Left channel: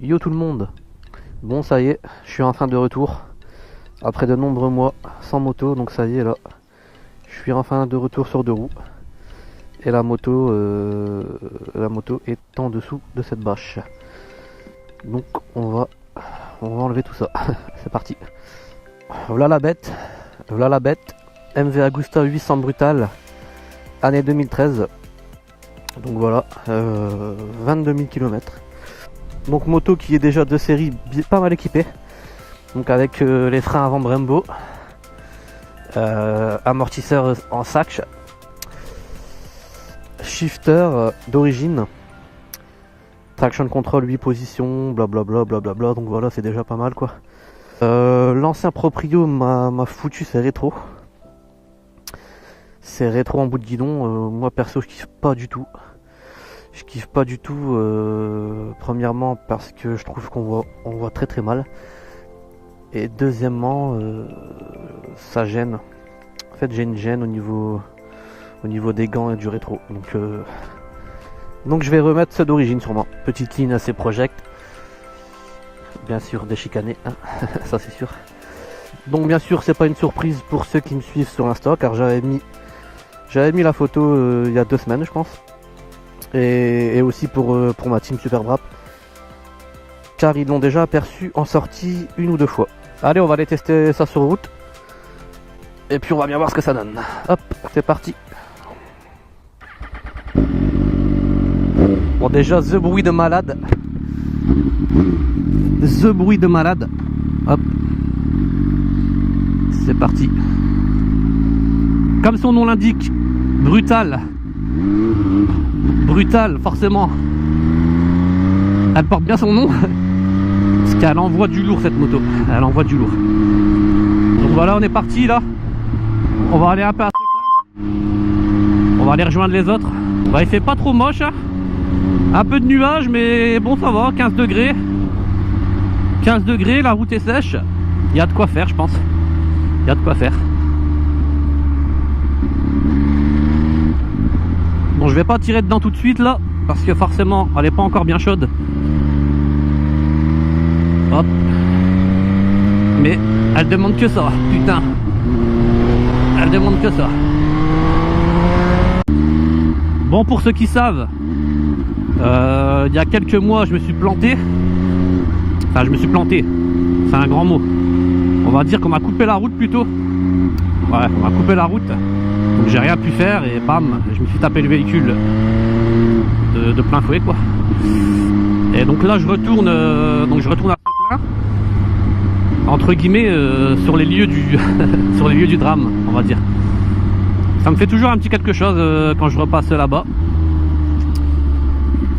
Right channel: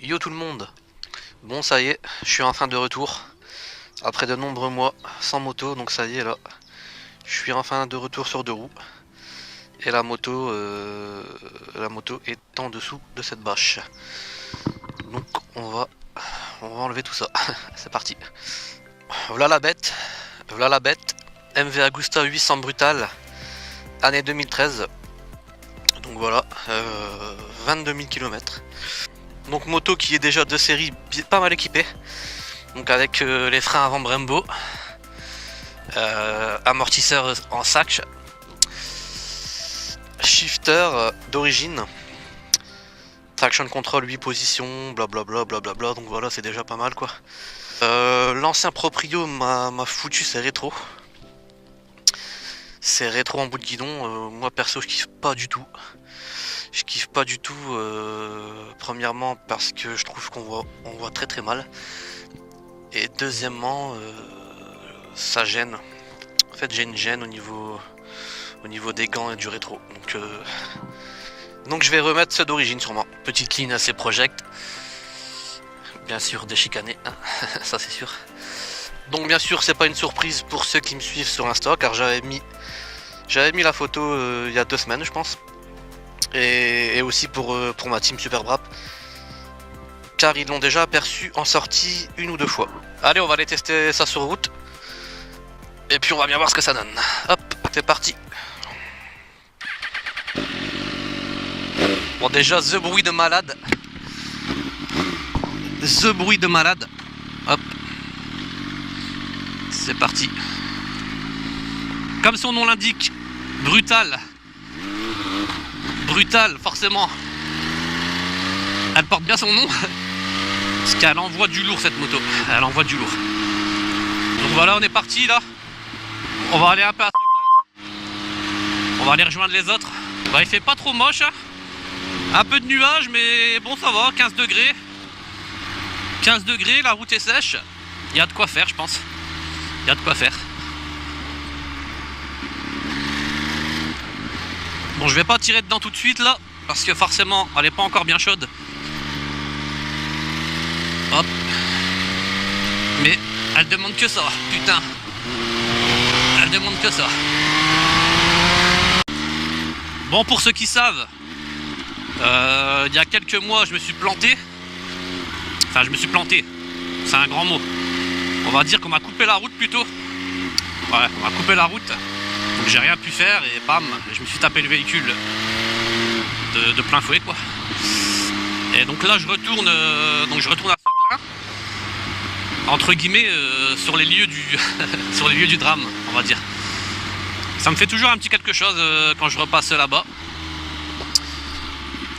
Yo tout le monde. Bon ça y est, je suis enfin de retour. Après de nombreux mois sans moto, donc ça y est là. Je suis enfin de retour sur deux roues. Et la moto est en dessous de cette bâche. Donc on va enlever tout ça. C'est parti. Voilà la bête. Voilà la bête. MV Agusta 800 Brutal. Année 2013. Donc voilà. 22 000 km. Donc moto qui est déjà de série pas mal équipée. Donc avec les freins avant Brembo. Amortisseur en sac. Shifter d'origine. Traction control 8 positions, blablabla, blablabla. Donc voilà, c'est déjà pas mal quoi. L'ancien proprio m'a foutu ses rétros. Ces rétros en bout de guidon, moi perso je kiffe pas du tout. Je kiffe pas du tout, premièrement parce que je trouve qu'on voit très très mal. Et deuxièmement, ça gêne. En fait j'ai une gêne au niveau des gants et du rétro. Donc je vais remettre ceux d'origine sûrement. Petite ligne assez project. Bien sûr déchicané, hein. Ça c'est sûr. Donc bien sûr c'est pas une surprise pour ceux qui me suivent sur Insta, car j'avais mis la photo il y a 2 semaines je pense. Et aussi pour ma team Super Brap. Car ils l'ont déjà aperçu en sortie 1 ou 2 fois. Allez, on va aller tester ça sur route. Et puis on va bien voir ce que ça donne. Hop, c'est parti. Bon déjà, the bruit de malade. The bruit de malade. Hop. C'est parti. Comme son nom l'indique, brutal. Brutal, forcément. Elle porte bien son nom. Parce qu'elle envoie du lourd cette moto. Elle envoie du lourd. Donc voilà, on est parti là. On va aller un peu à ce truc là. On va aller rejoindre les autres. Bah, il fait pas trop moche. Hein. Un peu de nuages, mais bon, ça va. 15 degrés. 15 degrés, la route est sèche. Il y a de quoi faire, je pense. Il y a de quoi faire. Bon, je vais pas tirer dedans tout de suite là. Parce que forcément, elle est pas encore bien chaude. Hop. Mais elle demande que ça, putain. Elle demande que ça. Bon, pour ceux qui savent, il y a quelques mois, je me suis planté. Enfin, je me suis planté. C'est un grand mot. On va dire qu'on m'a coupé la route plutôt. Ouais, on m'a coupé la route. Donc j'ai rien pu faire et bam, je me suis tapé le véhicule de plein fouet quoi. Et donc là, je retourne à Seclin, entre guillemets, sur les lieux sur les lieux du drame, on va dire. Ça me fait toujours un petit quelque chose quand je repasse là-bas.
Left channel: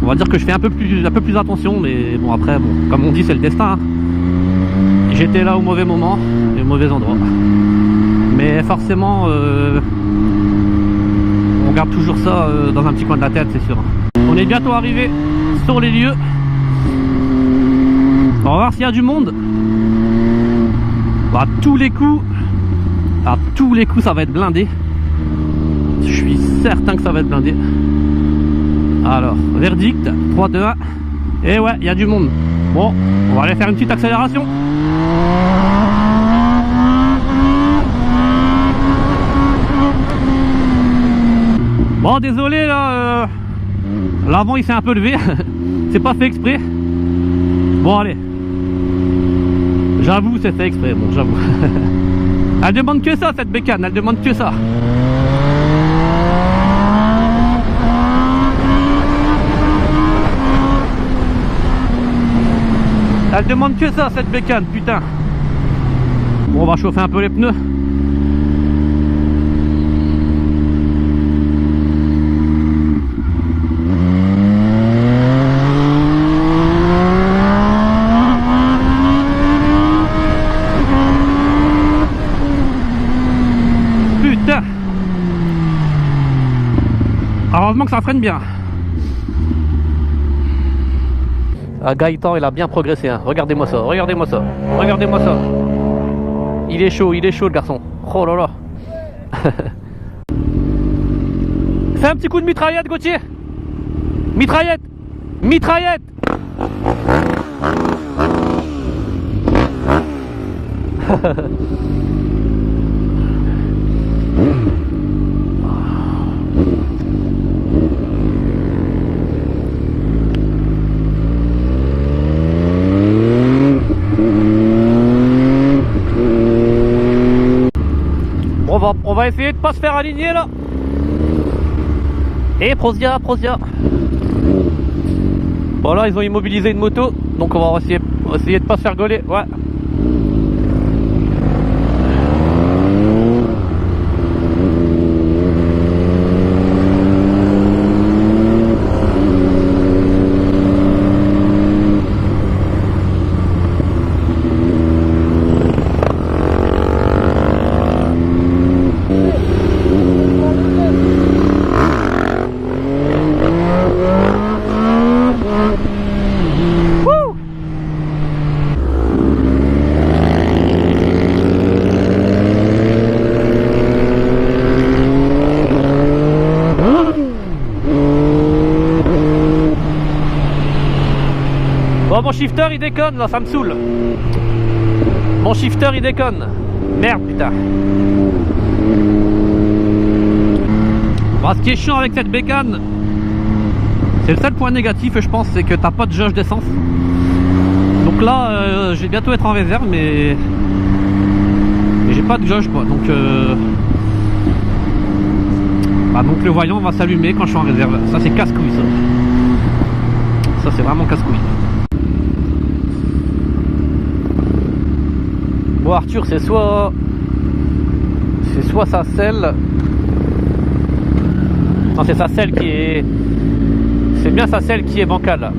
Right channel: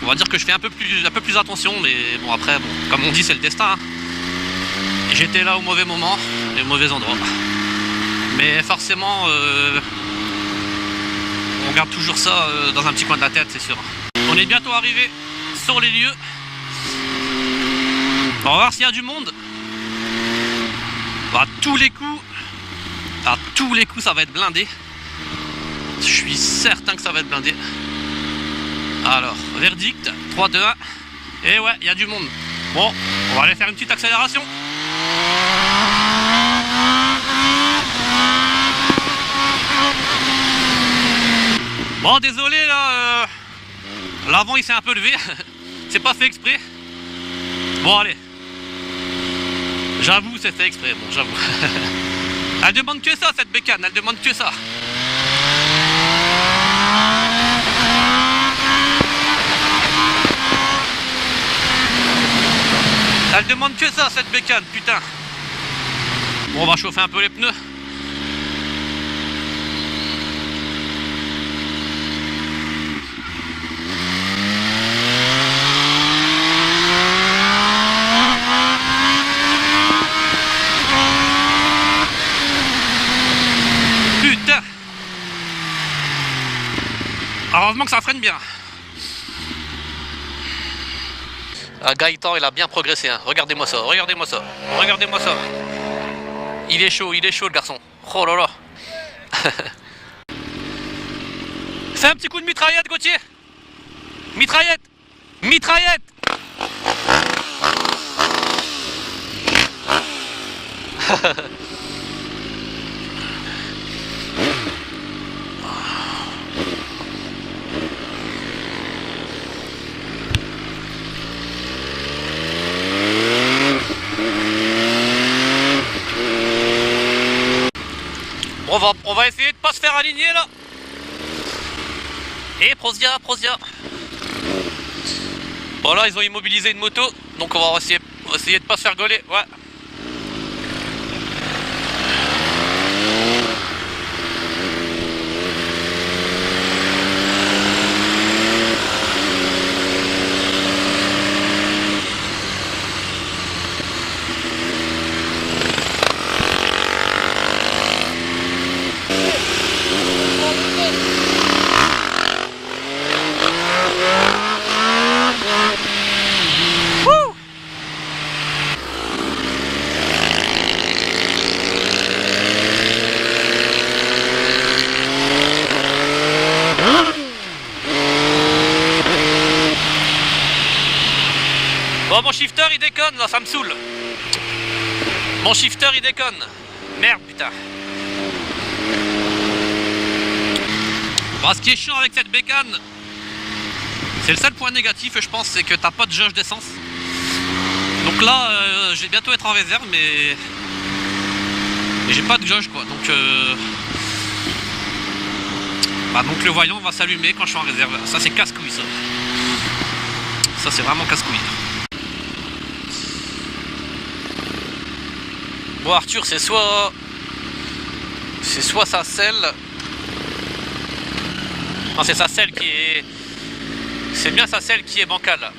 On va dire que je fais un peu plus attention, mais bon après, bon, comme on dit, c'est le destin. Hein. J'étais là au mauvais moment, et au mauvais endroit. Mais forcément, on garde toujours ça dans un petit coin de la tête, c'est sûr. On est bientôt arrivé sur les lieux. On va voir s'il y a du monde. À tous les coups, ça va être blindé. Je suis certain que ça va être blindé. Alors, verdict, 3, 2, 1. Et ouais, il y a du monde. Bon, on va aller faire une petite accélération. Bon, désolé là, l'avant il s'est un peu levé. C'est pas fait exprès. Bon, allez. J'avoue, c'est fait exprès, bon, j'avoue. Elle demande que ça, cette bécane, elle demande que ça. Elle demande que ça, cette bécane, putain. Bon, on va chauffer un peu les pneus. Putain. Heureusement que ça freine bien. Ah, Gaëtan, il a bien progressé, hein. Regardez-moi ça, regardez-moi ça, regardez-moi ça. Il est chaud le garçon. Oh là là. Fais un petit coup de mitraillette, Gauthier. Mitraillette. Mitraillette. On va essayer de pas se faire aligner là. Et Prosia. Bon là ils ont immobilisé une moto, donc on va essayer de pas se faire gauler. Ouais. Bon, mon shifter il déconne là, ça me saoule. Mon shifter il déconne. Merde putain. Bon, ce qui est chiant avec cette bécane, c'est le seul point négatif je pense, c'est que t'as pas de jauge d'essence. Donc là je vais bientôt être en réserve mais j'ai pas de jauge quoi. Donc donc le voyant va s'allumer quand je suis en réserve. Ça c'est casse-couille ça. Ça c'est vraiment casse-couille. Bon Arthur, c'est soit sa selle. Non, c'est sa selle qui est. C'est bien sa selle qui est bancale.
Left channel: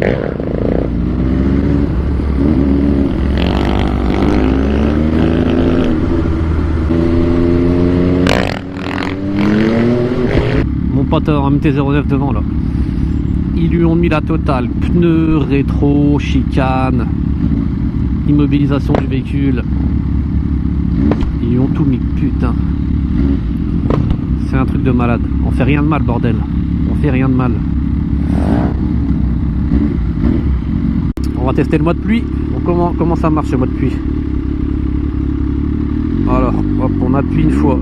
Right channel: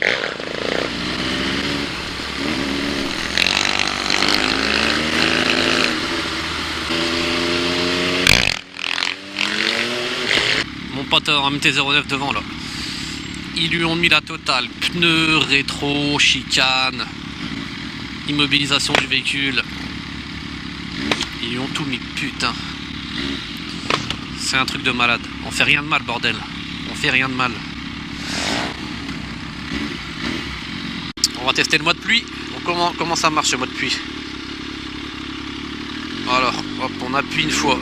Mon pote en MT-09 devant là. Ils lui ont mis la totale. Pneus, rétro, chicane, immobilisation du véhicule. Ils lui ont tout mis, putain. C'est un truc de malade. On fait rien de mal, bordel. On fait rien de mal. On va tester le mode pluie. Donc comment ça marche le mode pluie? Alors, hop, on appuie une fois.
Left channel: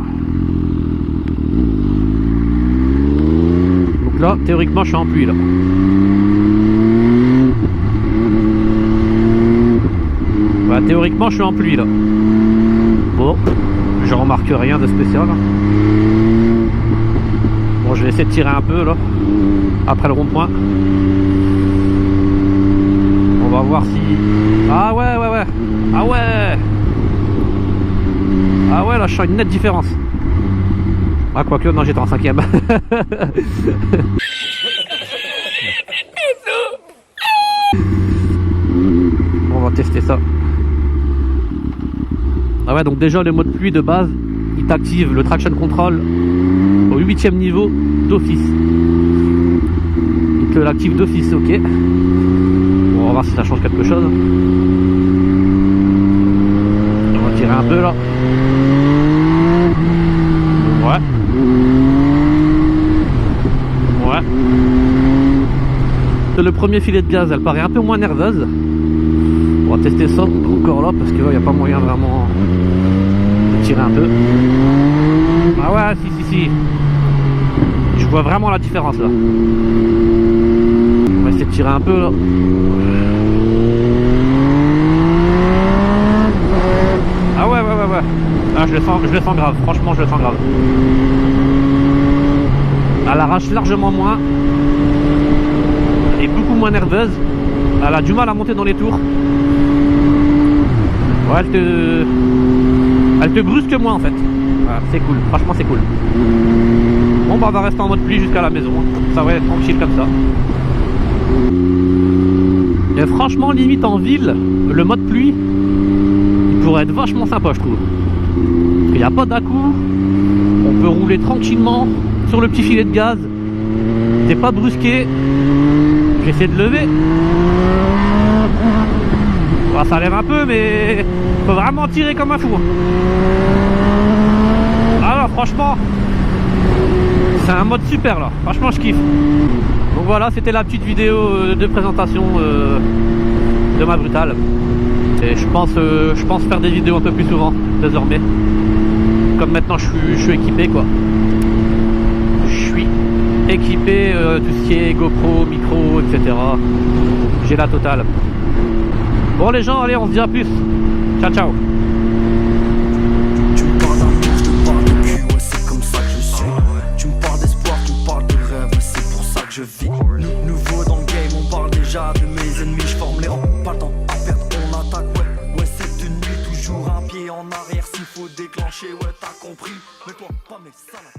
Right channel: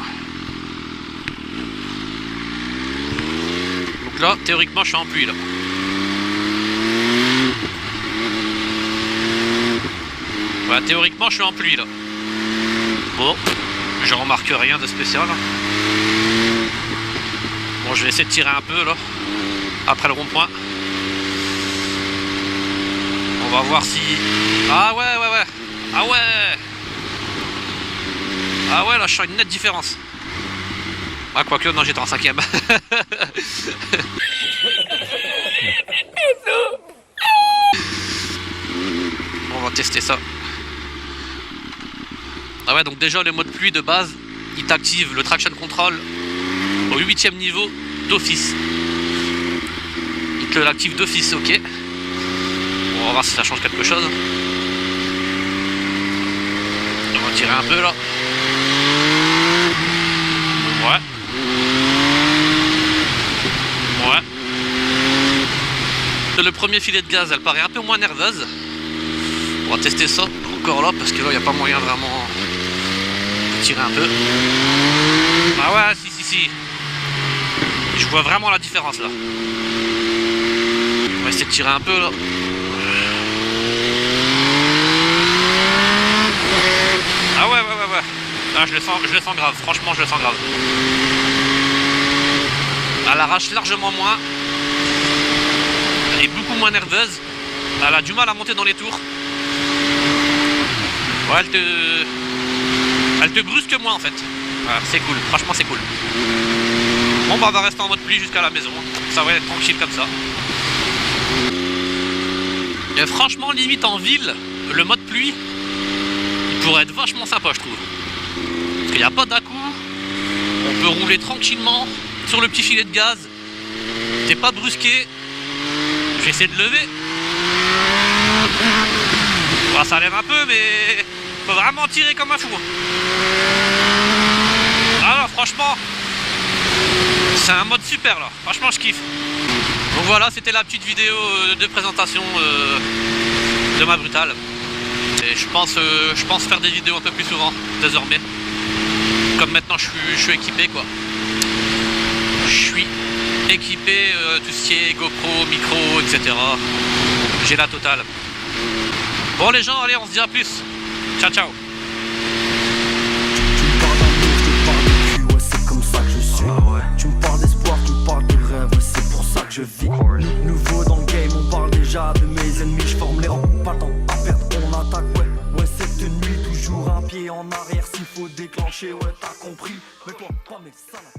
Donc là, théoriquement, je suis en pluie là. Voilà, théoriquement, je suis en pluie là. Bon, je remarque rien de spécial. Bon, je vais essayer de tirer un peu là, après le rond-point. On va voir si... Ah ouais. Ah ouais. Ah ouais, là je sens une nette différence. Ah quoique, non, j'étais en 5ème. On va tester ça. Ah ouais, donc déjà le mode pluie de base, il t'active le traction control au 8ème niveau d'office. Il te l'active d'office, ok. Bon, on va voir si ça change quelque chose. On va tirer un peu là. Ouais. Le premier filet de gaz, elle paraît un peu moins nerveuse. On va tester ça encore là parce que là il n'y a pas moyen vraiment de tirer un peu. Ah ouais, si. Je vois vraiment la différence là. On va essayer de tirer un peu là. Ah ouais. Ah, je le sens grave, franchement je le sens grave. Elle arrache largement moins. Elle est beaucoup moins nerveuse. Elle a du mal à monter dans les tours. Ouais, elle te brusque moins en fait. Ouais, c'est cool, franchement c'est cool. Bon bah on va rester en mode pluie jusqu'à la maison. Ça va être tranquille comme ça. Et franchement limite en ville, le mode pluie, il pourrait être vachement sympa je trouve. Parce qu'il n'y a pas d'à-coup. On peut rouler tranquillement sur le petit filet de gaz. T'es pas brusqué. Je vais essayer de lever. Bah, ça lève un peu mais faut vraiment tirer comme un fou. Alors franchement c'est un mode super là, franchement je kiffe. Donc voilà, c'était la petite vidéo de présentation de ma brutale. Et Et je pense faire des vidéos un peu plus souvent, désormais. Comme maintenant je suis équipé, quoi. Je suis équipé, tout ce qui est GoPro, micro, etc. J'ai la totale. Bon les gens, allez, on se dit à plus. Ciao, ciao. Tu me parles d'amour, je te parle de cul, ouais c'est comme ça que je suis. Tu me parles d'espoir, tu me parles de rêve, ouais c'est pour ça que je vis. Nouveau dans le game, on parle déjà de mes ennemis, je forme les rangs, pas le temps à perdre, on attaque, ouais cette nuit, toujours un pied en arrière, s'il faut déclencher, ouais t'as compris. Mais toi, pas mes salades.